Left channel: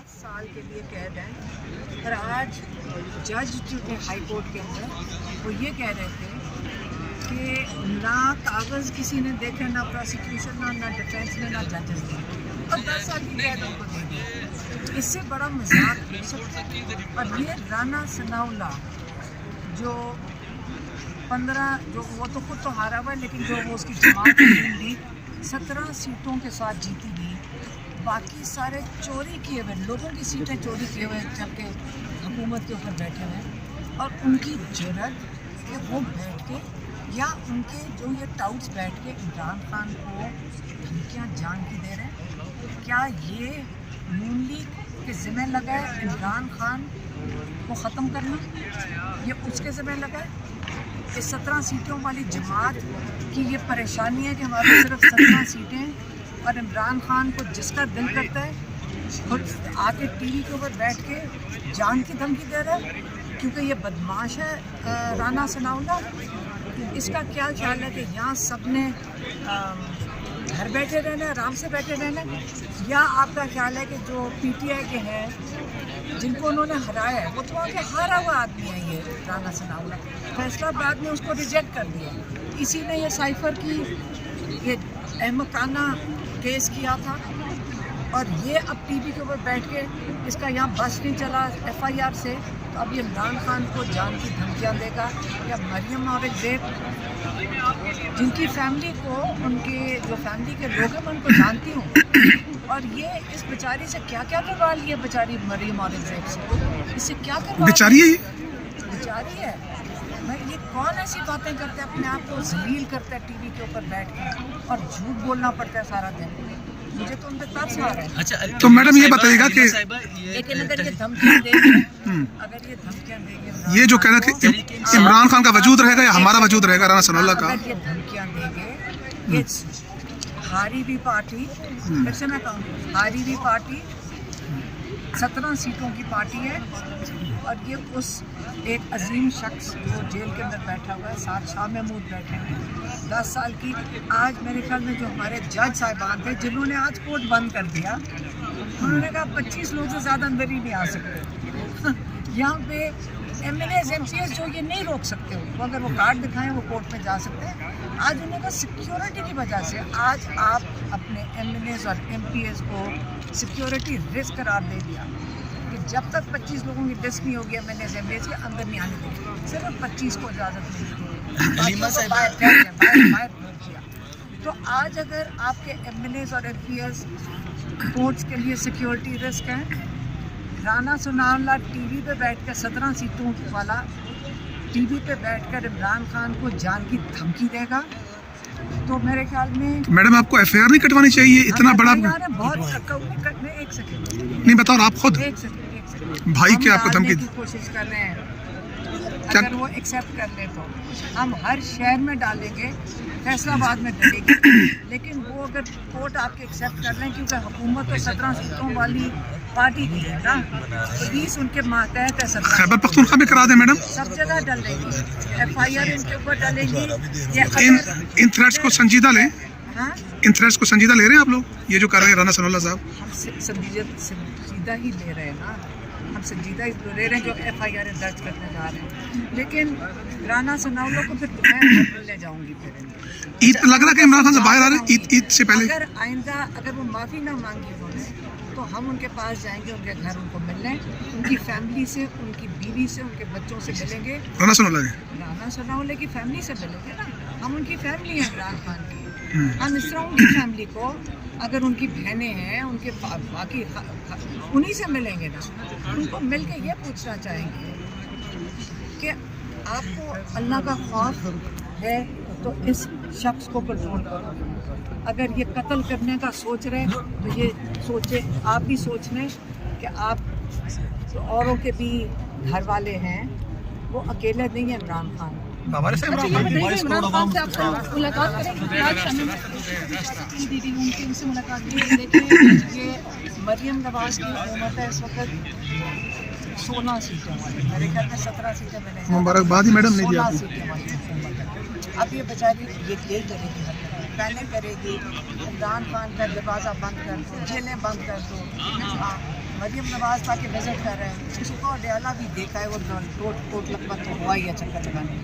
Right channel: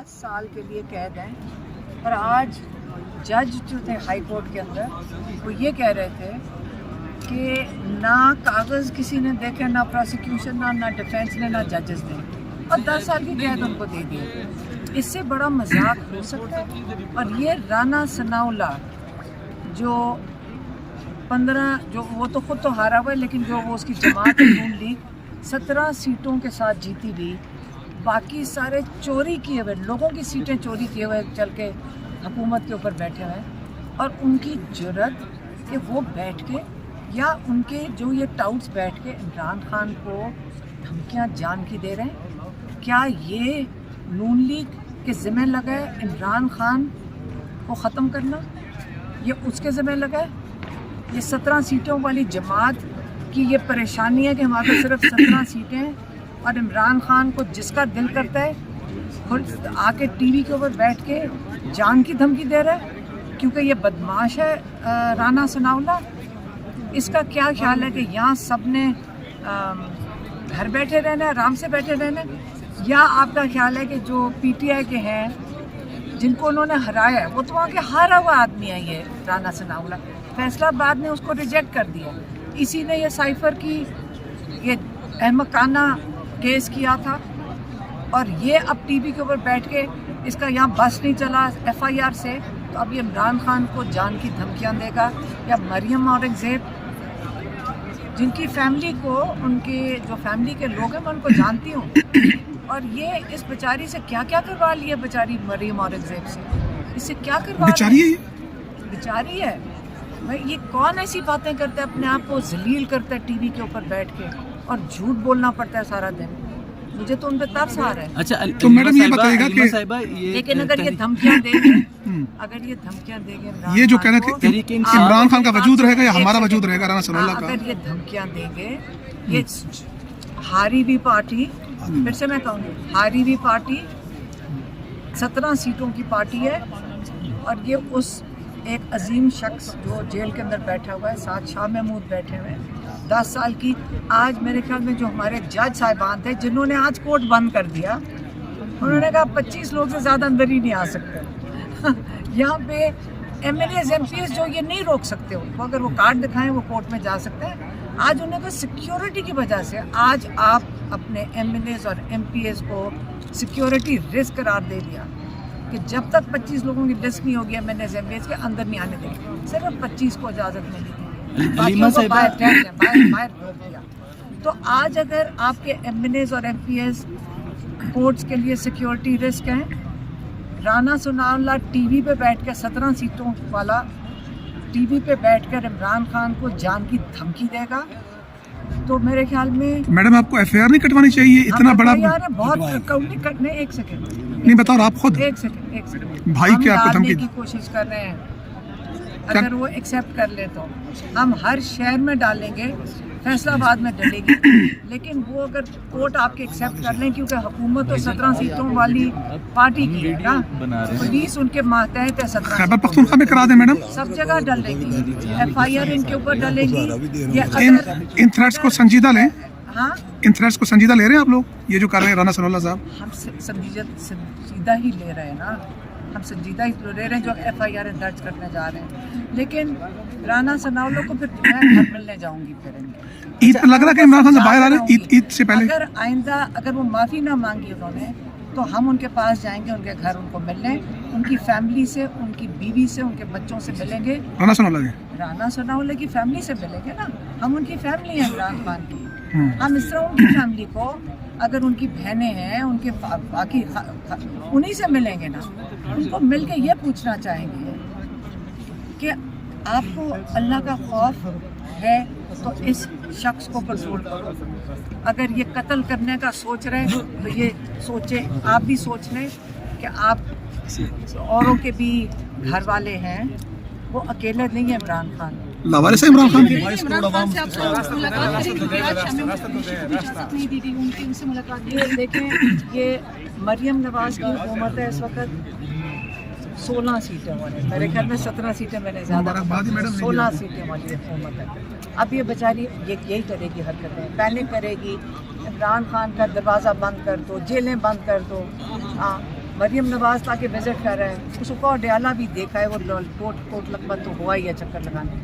10 साल के लिए कैद हैं। और आज जज जो थे हाई कोर्ट के अंदर वो ये कह रहे थे कि ना कागज़ किसी ने देखे, ना प्रोसिक्यूशन ना डिफेंस ने, ना जजेस ने, और 10 साल की कैद उनको दे दी। इससे बड़ा मजाक हो सकता है। और ये राना सनाउल्लाह जो 15 जो वो तो खुद तो हारा हुआ है, लेकिन जो वो उसकी जमात नून लीग 17 सीटों के साथ जीती गई, बाकी सारे चोरी किए हुए लोगों की सीटें चोरी किए हुए चल के हुकूमत के ऊपर बैठे हुए हैं। और उनकी जुर्रत कि वो बैठ के या उनके जो ये टाउट्स बैठ के इमरान खान को धमकियाँ जान की दे रहे हैं। क्या ये नून लीग के ज़िम्मे लगा है इमरान खान को ख़त्म करना? ये उसके ज़िम्मे लगा है? ये 17 सीटों वाली जमात की ये परेशानी है कि हमारे सिर्फ 17 सीटें हैं और इमरान खान को जिसका दिल करता है खुद आके टीवी के ऊपर बैठ के जान की धमकी दे रहा है, क्योंकि ये बदमाश है राना सनाउल्लाह। इसका क्या ख्याल है कि यहाँ सब ने घर बैठे रहना है, आराम से बैठे रहना है, या आपका ख्याल है कि जो पीटीआई के हैं जिनको उन्होंने हराया है वो तो वहाँ के हारा हुआ आदमी है ये राना सनाउल्लाह, फैसलाबाद ने उसको रिजेक्ट कर दिया। इसी ने ये साइफर की ये अहमकाना केस किया था और ये अब टीवी के ऊपर बैठ के इसका यहाँ बस नहीं चला एफआईआर से, तो अब ये इमरान खान को जान की धमकियाँ देगा। या मरियम औरंगज़ेब जिनकी फैमिली को उनकी जो फैमिली के लोग हैं मैं उनको जानती हूँ, और ये इस बेचारी से क्या क्या करवा लिया बेचारी मरियम औरंगज़ेब से, इससे क्या करवा बेचारी है भाई। ये कौन ऐसी बातें करता है, अपने आप को जलील करता है टीवी के ऊपर बैठ के और झूठ बोलना पड़ता है सारा दिन। मुझे तो उन पे तरस आ रहा है। अच्छा, तो मैडम ये बताइएगा कि लेकिन अगर ये धमकियाँ देंगे ये जो कहना कि इमरान खान का वजूद रहेगा या हमारा वजूद रहेगा राना सनाउल्लाह का, अगर ये धमकियाँ देंगे, ये हारी भी पार्टी, फिर से मैं कहूँगी हारी भी पार्टी 17 सीटों की पार्टी है, और ये उस एक अजीम शख्स जो जेल के अंदर बैठा हुआ है, साथ शाह महमूद बैठे हुए हैं 10 साल की। आज मेरे ख्याल में जो हमारे जज साहिबान थे जिन्होंने आज कोर्ट बंद कर दिया, उन्होंने कहा 25 लोग से ज़्यादा अंदर ही नहीं आ सकते। यहाँ पे एमएलएज एमपीएस जो ये नहीं रोक सकते, उनको अगर वो कार्ड दिखाएं वो कोर्ट में जा सकते हैं। आज उन्हें तो सिक्योरिटी की वजह से आज आप अपने एमएलएज और एमपीएस को सिक्योरिटी रिस्क करार दे दिया कि जब तक 25 लोगों की लिस्ट नहीं होगी एमएलएज एमपीएस के अंदर नहीं आने देंगे, सिर्फ 25 को इजाज़त मिली। तो आज अगर आपके एमएलएज और एमपीएस कोर्ट्स के लिए सिक्योरिटी रिस्क हैं, राना सनाउल्लाह टीवी पे बैठकर 17 सीटों वाला टीवी पे बैठकर इमरान खान को जान की धमकी देगा, तो मेरे ख्याल में मैडम आपको एफआईआर नहीं कटवानी चाहिए, इतना बड़ा बहुत कटने। एक सेकंड नहीं बताओ आप खुद, एक सेकंड भाई क्या आपको धमकी की कोशिश कर रहे हैं, अगर वो एक्सेप्ट कर ले तो हम हर शहर में डालेंगे, फैसलाबाद में डलेगी, लेकिन वो अगर कोर्ट आपके एक्सेप्ट कर लें, क्योंकि हुकूमत तो 17 सीटों वाली पार्टी की है ना, पुलिस उनके मातहत है, 17 खैबर पख्तूनख्वा में करा दें मैडम, सब जगह डलेगी एफआईआर इनके ऊपर डलेगी। इन थ्रेट्स को संजीदा लें। हाँ, इन थ्रेट्स को संजीदा ले रहे हैं आप लोग, ये जो कर रहे हैं राना सनाउल्लाह साहब? हम संजीदा ही ले रहे हैं ना, हम संजीदा ही ले रहे हैं जो एफआईआर दर्ज करने जा रहे हैं। लेकिन राना सनाउल्लाह को फिर मैं मिलने जाऊंगी फिर ईद पे लग रहा है कि इमरान खान से बाहर आ रहे हैं ईद से पहले। अगर आइंदा अगर वो माफ़ी ना मांगी उन्होंने, तो हम उनके पास जाएंगे, उनके घर उनको मिलने, उनकी फैमिली से, उनकी बीवी से, उनके बच्चों से मिलेंगे। राना सनाउल्लाह की फैमिली से मिलेंगे ना, हम उनकी फैमिली है इमरान खान की। हम इस तरह उनकी फैमिली को, अगर उनकी बहनें हैं, उनके बाकी उन्हीं से मिलेंगे ना, उनको मिल के ये पूछना चाहेंगे कि आपको अल्लाह का खौफ है तो इस शख्स को कंट्रोल करो। अगर ये कत्ल करने का सोच रहे तो ये सोचे, आप भी सोच लें कि आप औरों के भी घर वाले हैं, वो अकेले नहीं है इमरान खान। लावारिस है इमरान खान मुलाकात करेंगे आज शाम में दीदी उनसे मुलाकात की। देखें ये मरियम नवाज की हुकूमत है इस वक्त 16 सीटों वाली, मेरे घर में 17 सीटें मैंने मुबारकबाद मैडम 16 सीटें वाली हुकूमत है। अब ये बेचारी यही करेगी, हरकतें पहले करेगी, इमरान खान का दरवाज़ा बंद कर दो, जेलें बंद कर दो, مریم نواز تاکہ وزٹ کر رہے ہیں، اس کو ڈیالہ بھی دیکھا ہے، وہ کوٹ لکبت تو ہوا ہی ہے چکر لگانے،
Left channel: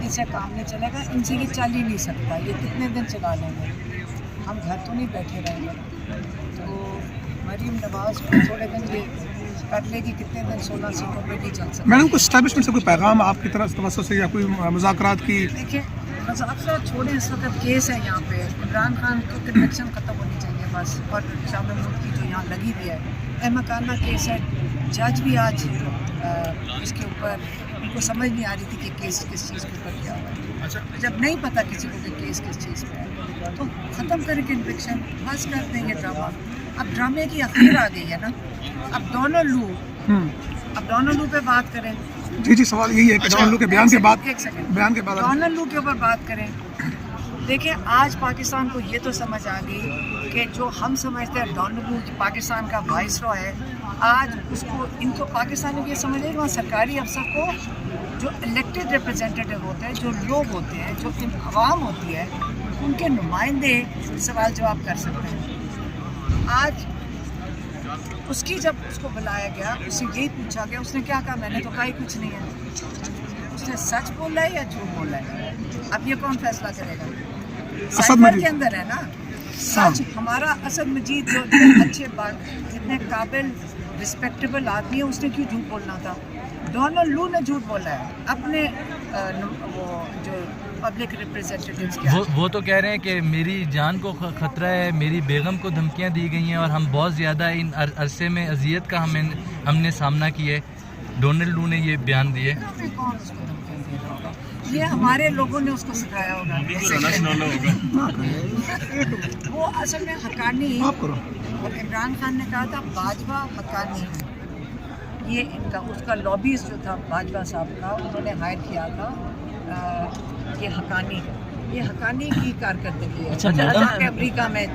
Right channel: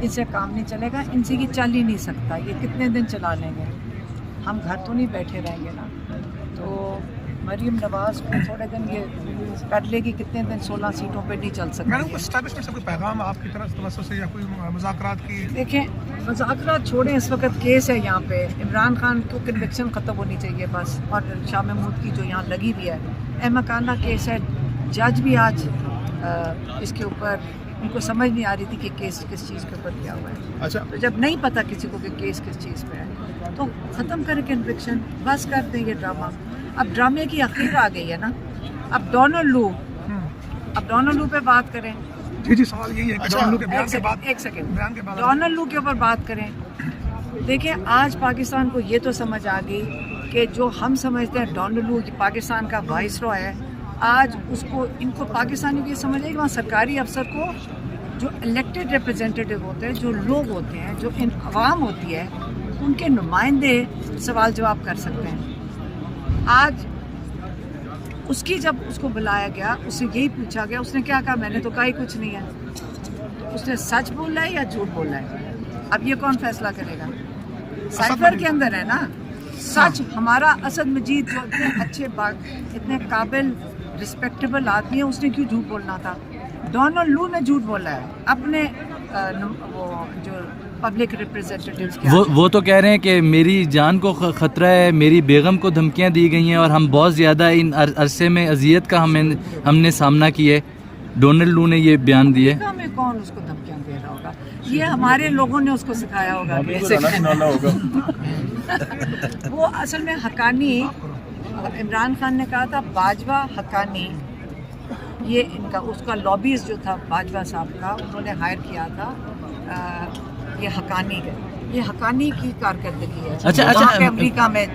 ان سے کام نہیں چلے گا، ان سے یہ چل ہی نہیں سکتا، یہ کتنے دن چلا لیں گے، ہم گھر تو نہیں بیٹھے رہیں گے نا. تو مریم نواز کو تھوڑے دن یہ کر لے گی، کتنے دن 16 سیٹوں پہ نہیں چل سکتی. میڈم کو اسٹیبلشمنٹ سے کوئی پیغام آپ کی طرف توسط سے یا کوئی مذاکرات کی؟ دیکھیں مذاکرات چھوڑیں، اس وقت کیس ہے یہاں پہ، عمران خان کو کنوکشن ختم ہونی چاہیے بس، اور شاہ محمود کی جو یہاں لگی ہوئی ہے احمقانہ کیس ہے. جج بھی آج اس کے اوپر ان کو سمجھ نہیں آ رہی تھی کہ کیس کس چیز کے اوپر کیا ہوا ہے. اچھا جب نہیں پتہ کسی کو کہ کیس کس چیز پہ ہے تو ختم کریں کنوکشن، بس کر دیں یہ ڈرامہ. اب ڈرامے کی اخیر آ گئی ہے نا، اب ڈونلڈ لو پہ بات کریں. جی سوال یہی ہے کہ ڈونلڈ لو کے بیان کے بعد ایک سیکنڈ ڈونلڈ لو کے اوپر بات کریں. دیکھیں آج پاکستان کو یہ تو سمجھ آ گئی کہ جو ہم سمجھتے ہیں ڈونلڈ لو پاکستان کا وائس رائے ہے، آج اس کو ان کو پاکستانی کو یہ سمجھ آئے کہ وہاں سرکاری افسر کو جو الیکٹڈ ریپرزینٹیو ہوتے ہیں، جو لوگ ہوتے ہیں، جو عوام ہوتی ہے، ان کے نمائندے سوال جواب کر سکتے ہیں. آج اس کی جب اس کو بلایا گیا، اس سے یہی پوچھا گیا، اس نے کیا کہا؟ میں نے تو کہا ہی کچھ نہیں ہے. اس نے سچ بولا ہے یا جھوٹ بولا ہے؟ اب یہ کون فیصلہ کرے گا؟ سائبر کے اندر ہے نا سچ. ہمارا اسد مجید جو اتنے اچھے اتنے قابل رسپیکٹیبل آدمی ہے، اس نے کیوں جھوٹ بولنا تھا؟ ڈونلڈ لو نے جھوٹ بولا ہے اپنے وہ جو پبلک ریپرزینٹیٹیوز کے. وہ تو کہہ رہے ہیں کہ میری جان کو خطرہ ہے، میری بیگم کو دھمکیاں دی گئی ہیں اور ہم بہت زیادہ ان عرصے میں اذیت کا ہم نے سامنا کیا ہے. ڈونلڈ لو نے یہ بیان دیے. ہمیں کون اس کو دھمکیاں دے رہا ہوگا؟ یہ ہمارے لوگوں نے اس کو سکھایا ہوگا. وہ اصل میں حقانی، عمران خان نے کہا تھا باجوہ حقانی، یہ ان کا اس کا لابیز جو تھا باجوہ صاحب کا، انہوں نے ہائر کیا تھا یہ حقانی ہے. یہ حقانی کی کارکردگی ہے. اچھا امریکہ میں